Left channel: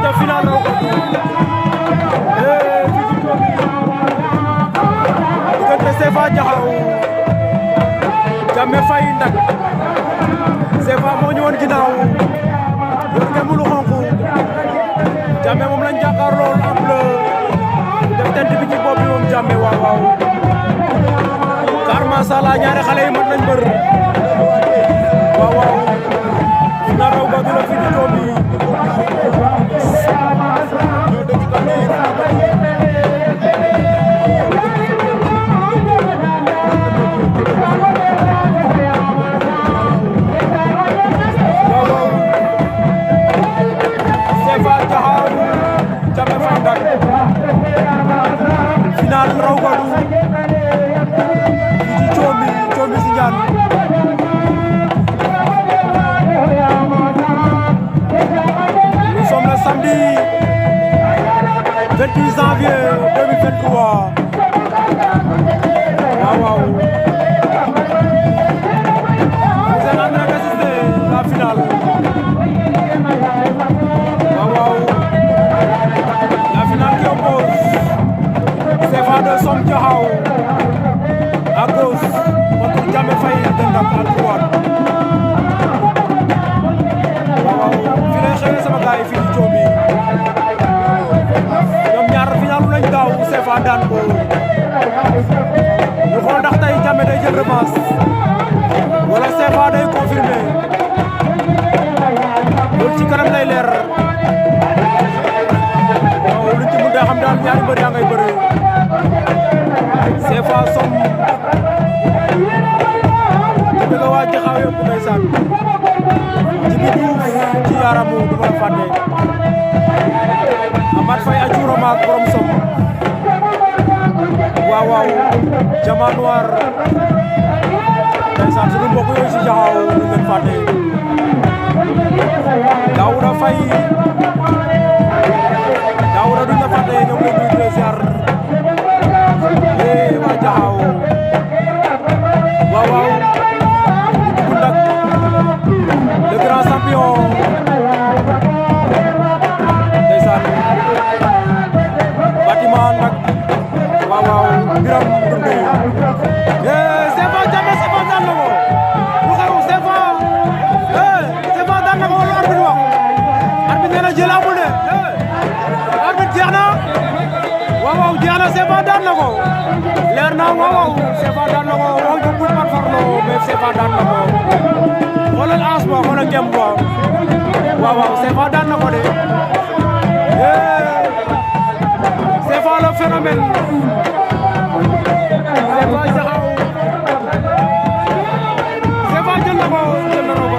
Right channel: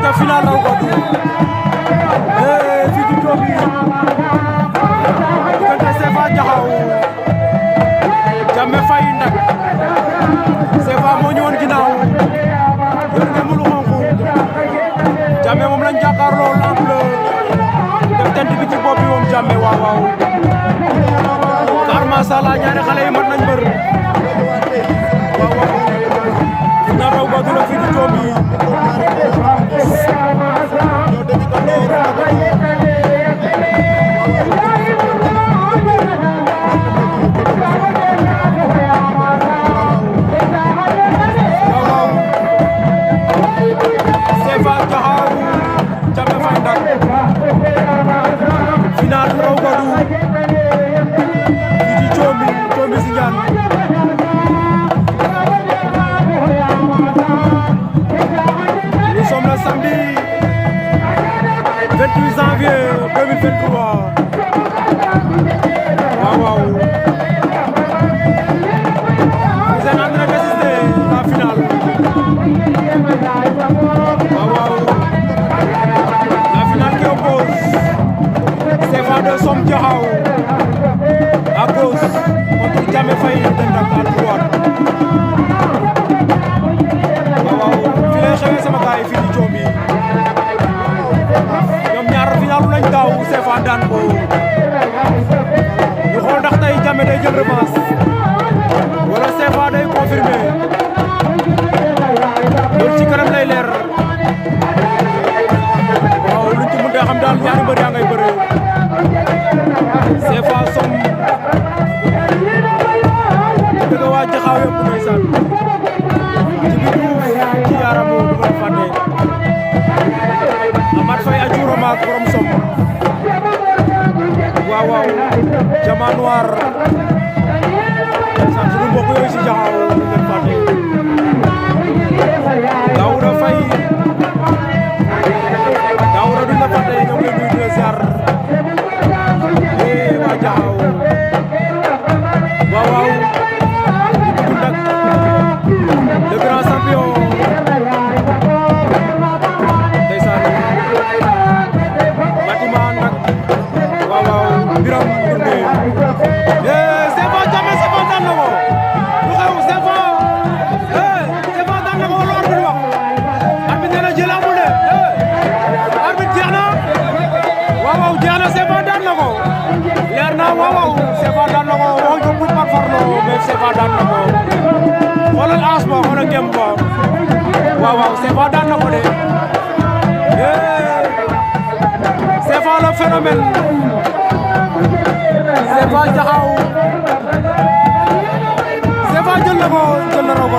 aca final raw gadu fii ci Diomi diggante CFA Jaxaw Jammeh Faye Ndak CFA moo ñëwoon ginnaaw yor ngeen lu xonku Jammeh moom lañ jàkkaar lool am bleu def tent bi ci bopp bi moom Jammeh waaw waaw car masala ñaari xale yi mat nañ bër waaw waaw final raw gadu la fii ci Diomi CFA Jaxaw Jammeh Faye Ndak final raw gadu fii ci Diomi Sindiane nous sommes le samedi 28 janvier 2023 waaw waaw vous êtes en train d'assister la finale waaw waaw la finale qui oppose CFA de Som Jaxaw à gauche contre Jammeh Faye de Ndak à droite waaw waaw fii lay xewee sama gars yi fii di Diomi ñoom ñaar final lañ daaw CFA daan ko ñu xool ndax tey Jammeh day jël revanche wala CFA day confirmer loolu ci kanam lay leer waaw luñ ci mën a xam daal ñaari mbër yaa ngay bëree CFA Som di bëgg waa Jaxaw yëpp ndeysaan ci bi Diouf ci yaaramu du ma la fàtte Amath Faye a cuurama ak borom Som waaw waaw Jama Noir ndeysaan sunu mbokk yooyu si Jaxaw duñ leen fàtte Daouda Faye Daouda duñ la fàtte ñoom leen nuyu di la ziar waa Jaxaw waaw waaw bu Ndak le grand champion ndeysaan bâtiment Ndak waaw waaw Biram Ndoundé CFA Jammeh CFA daan na ko lu xew CFA CFA daan na ko wala arbitre wax arbitre nee na jël amul de arbitre jeex na waaw waaw jeex na CFA daan na ko leer na waaw waaw CFA daan na ko wax ko pour par farlo mais CFA daan na ko xoolal as ba xoolal gem ba waaw waaw CFA daan na ko de CFA le phénomène CFA Jaxaw CFA jël na ko jël na raw ko